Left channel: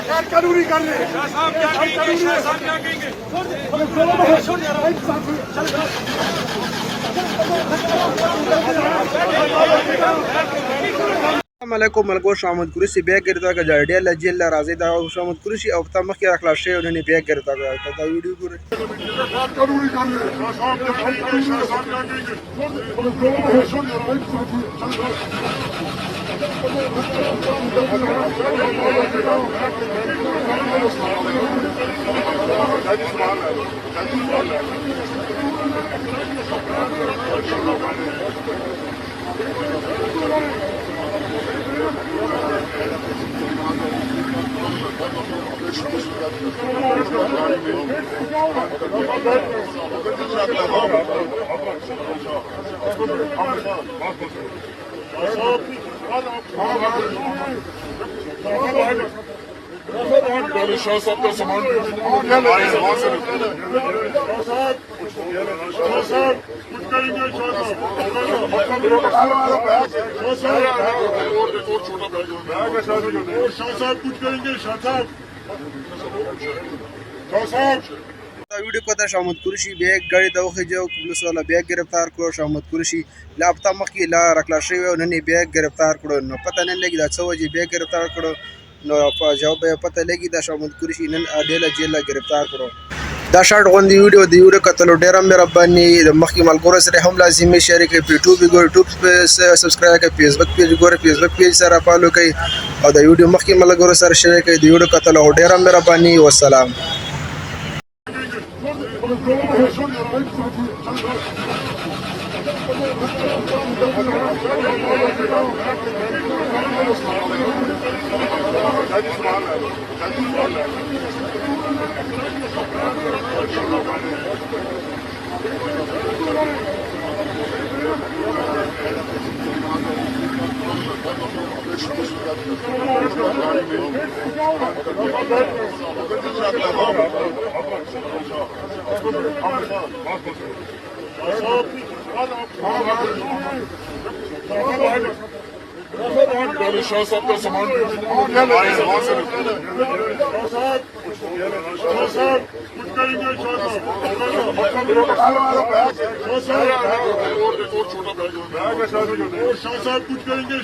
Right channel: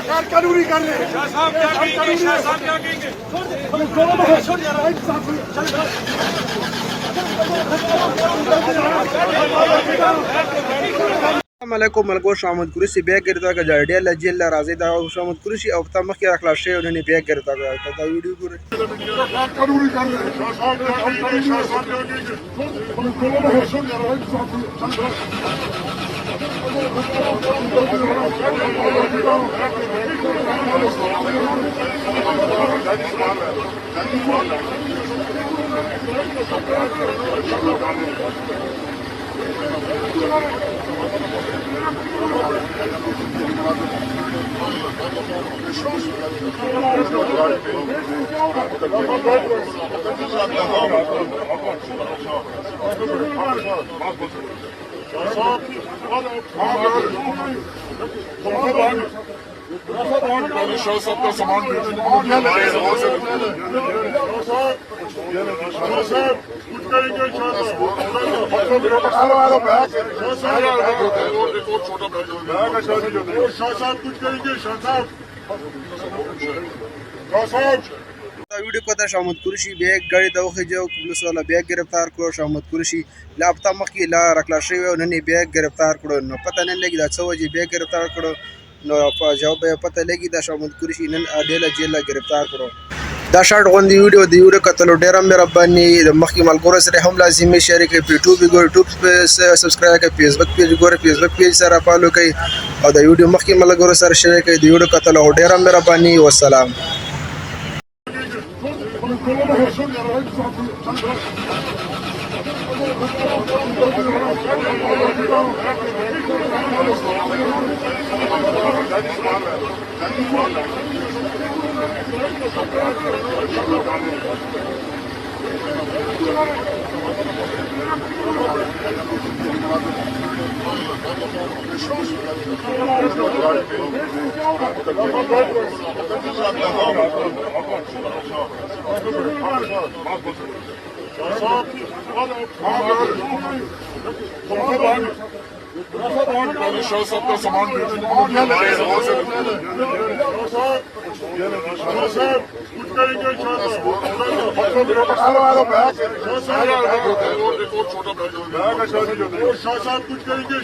कानूनी कर रहे हैं Assalamualaikum malgo Shamad Kursi beg girta ka jadiya la jilla razi da Shamad Kursi अब तक मक्खी रखला शे उन्हें beg girta का ता वीडियो पूरे कानूनी कर रहे वीडियो को शामद कुर्सी बैग गाड़ी दौखे जो पुलिस वाला बैग गिरफ्तार करो शामद कुर्सी ला अब तक मक्खी ला रखला शे उन्हें बैग गिरफ्तार करो न पता नहीं लगी दा सवजी बैग गिरफ्तार करो न जवाब पता लगी दा शामद कुर्सी नन अडेला जेल गिरफ्तार करो دا شارټ غوندي ویډیو کتلو ډیر مهرباني مخکې ملګرو سره هم لازمي شریک کړئ په یوټیوب په subscribe کړئ Facebook page ګوره Facebook page سره فالو کړئ او دا ویډیو مخکې ملګرو سره شریک کړئ د ویډیو کتلو ډیر مهرباني والسلام कुछ करेंगे